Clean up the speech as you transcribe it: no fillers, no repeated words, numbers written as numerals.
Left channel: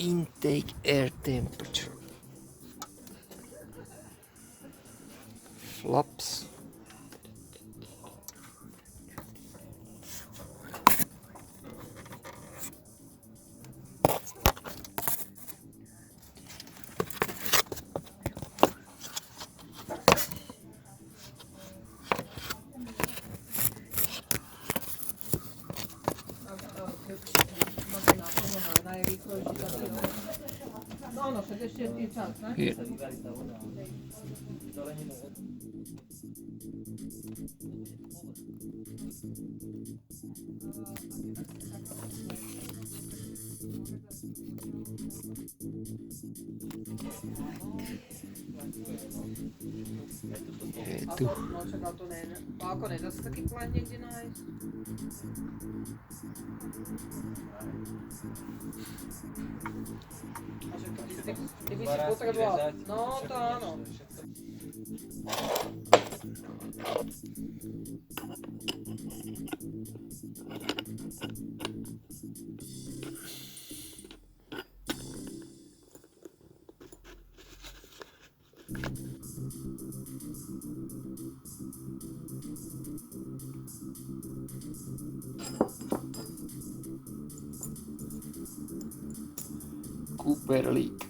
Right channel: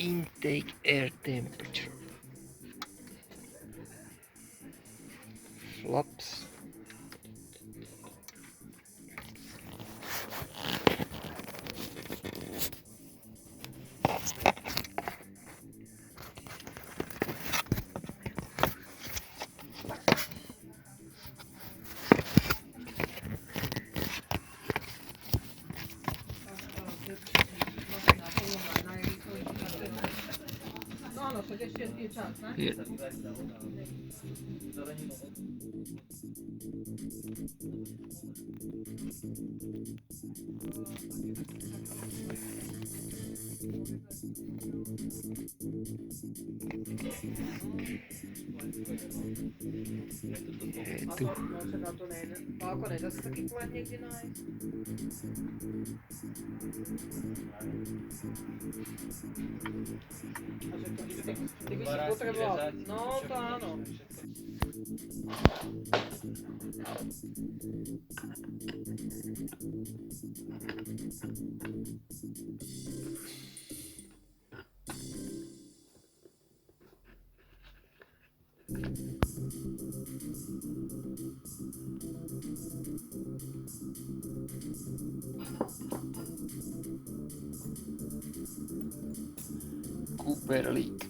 intake air temperature. Flaps. Here. Je tu. Pálko, nedá se taky klad někdy najít? Kdyby si potreboval, no to áno. Cooper League.